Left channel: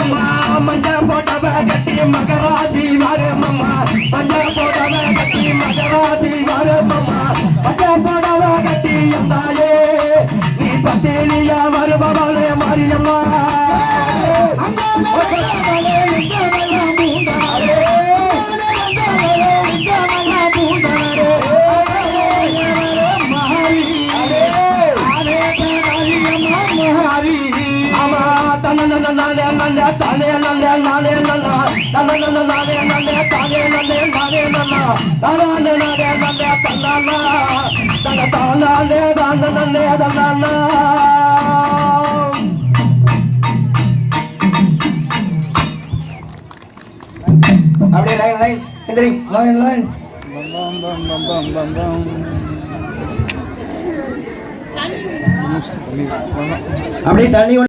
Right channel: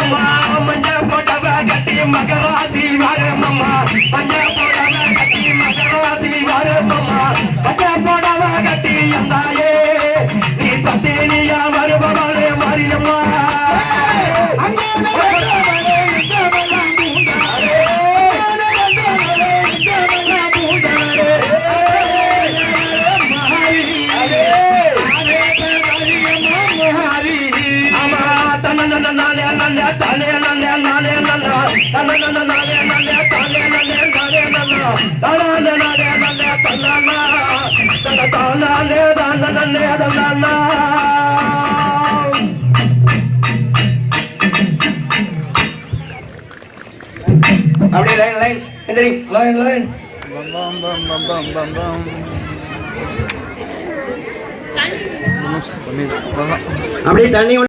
அம்மா மஞ்ச போட்டவ கட்டி மகராசி வரமம்மா மஞ்ச போட்டவ கட்டி மகராசி வரமம்மா மஞ்ச போடவ கட்டி எந்தாயே நீ பத்தினியா வருபவளே மாரியம்மா அப்படியே லைன் லைன் எந்திரி லைன் லைன் அப்படியே தண்ணி